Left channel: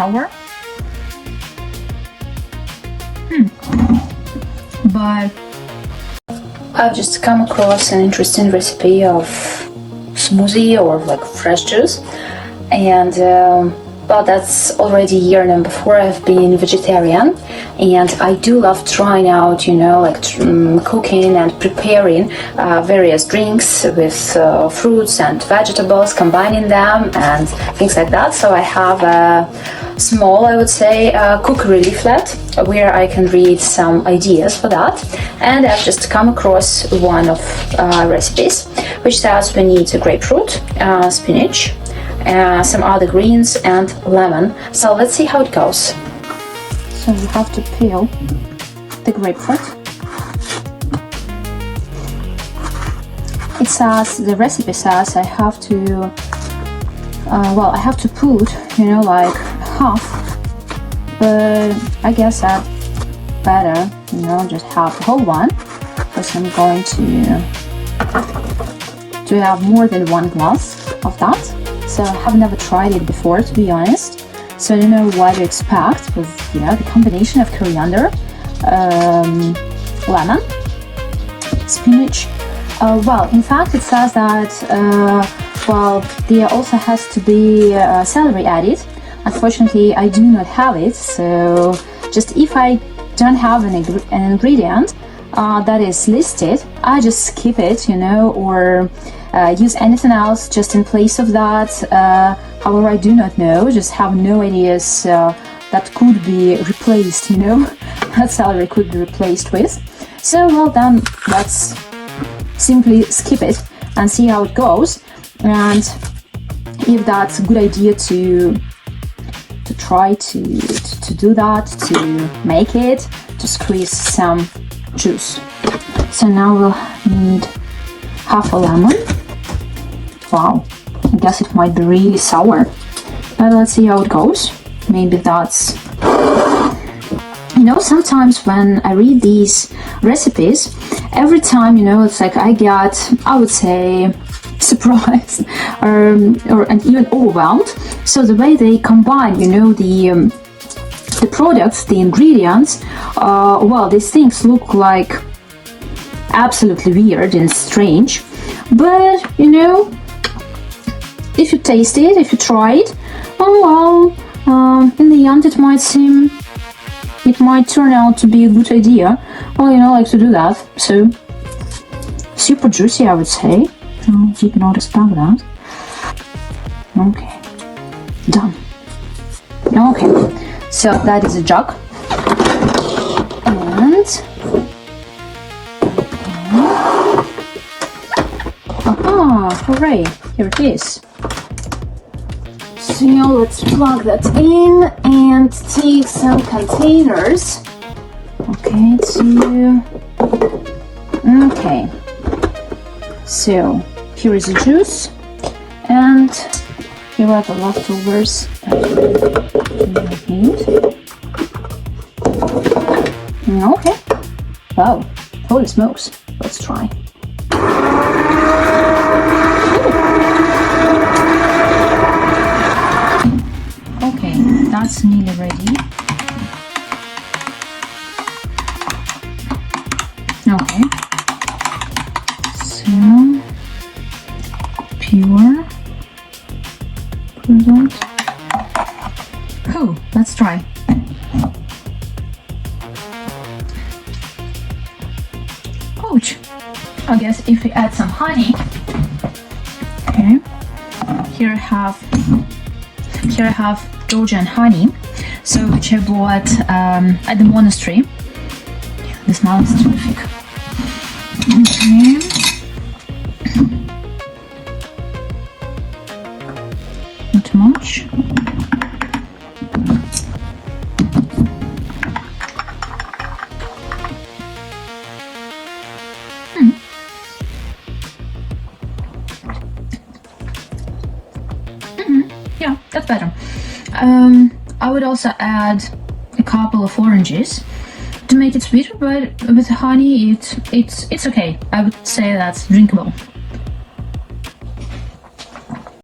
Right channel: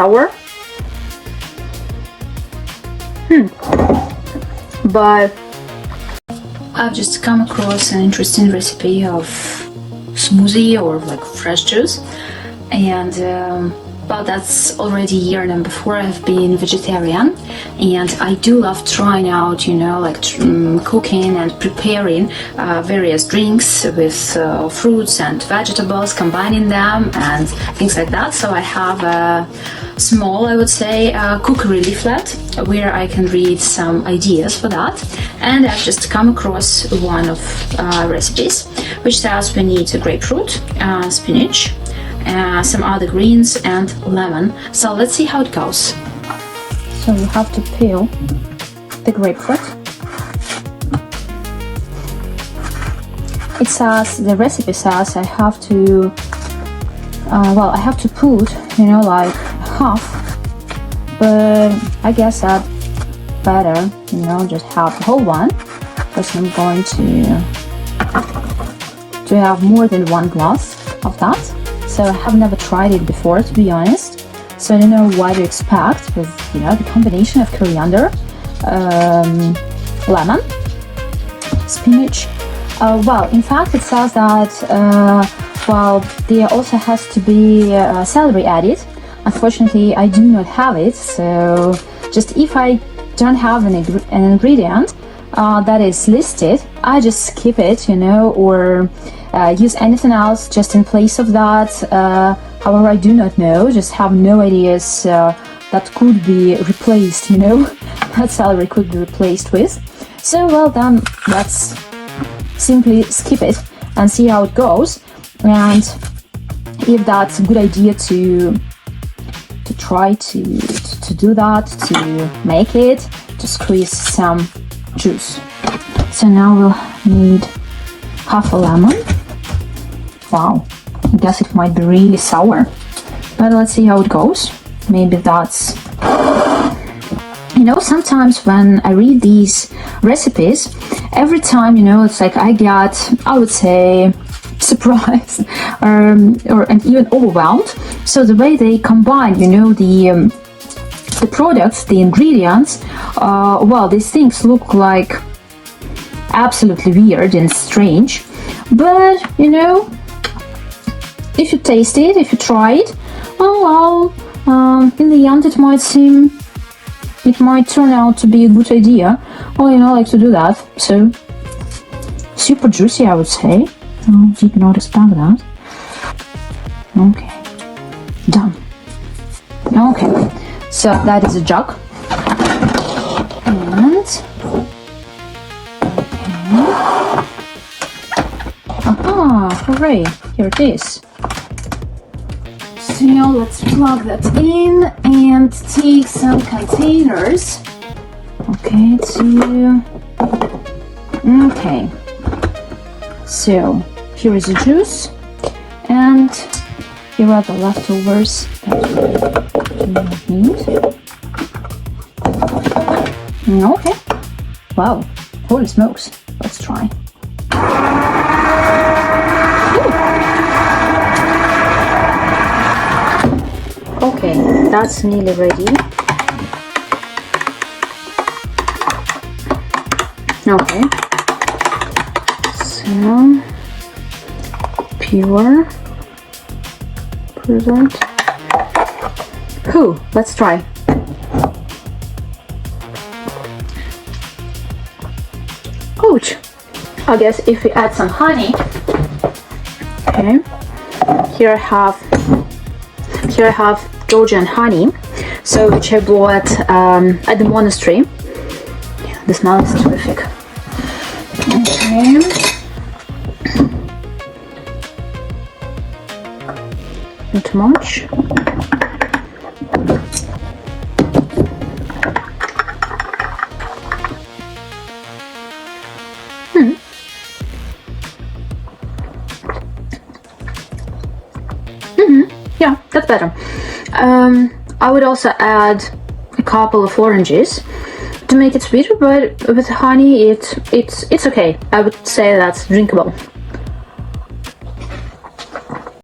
sour. But I've just come across an interesting recipe of smoothie or like fresh juice, and well, that's already year number 4 I've been vegetarian, and I do love trying out, like cooking and preparing various drinks with fruits and vegetables, combining them and things like that. So I have a small, I would say, cookery leaflet where I can read some ideas for that, and I've just come across one of recipes which says we need a grapefruit, spinach, some other greens and lemon. So let's see how it goes. So we have to peel the grapefruit. It says, the recipe says I have to put, like half, but I guess that better, just have the whole one, because I'm going to have more than 1 glass of that. So I have never tried it before, to be honest. So I don't know what to expect with, the combination of coriander, lemon, spinach. Well, in fact, it says that, there also has to be celery added. Unfortunately, I do not have it. So just if I don't have an ingredient that is listed, I just skip it, or use anything else just in place of that. However, I do not know, just have no ideas that could be replaced, that celery could be replaced with. So, well, then let's simply skip it and see how it goes, and if that's a good idea to try to do that, to make it, to squeeze some juice. So now we'll need half a lemon. Wow, I guess it might be really sour, but let's see how it goes. Maybe that's, sometimes when I read these recipes, every time, it's like I get, I would say, surprised and even overwhelmed. So the way they combine, the products, the ingredients, these things look like absolutely weird and strange, but if you taste it, if you try it, in the end it might turn out to be a good idea. Well, I like to do that. So super juicy, I would say. Did not expect that. Okay, done. Okay, so that is a jug, and hooray! Here it is. So now let's plug that in and take some containers. Okay, so here is the juice, and here are the leftovers that we need. Okay, wow, holy smokes, let's try. Okay, that's nearly ready. Okay, so pure. Cool, let's try. Ouch! I guess if we add some honey. Okay, here I have Georgian honey, so which I bought at the monastery. The smell is terrific. Okay. Not too much. Yeah, that's better. I would also add a couple of oranges to make it sweeter, but with honey it's okay. I would say that's drinkable.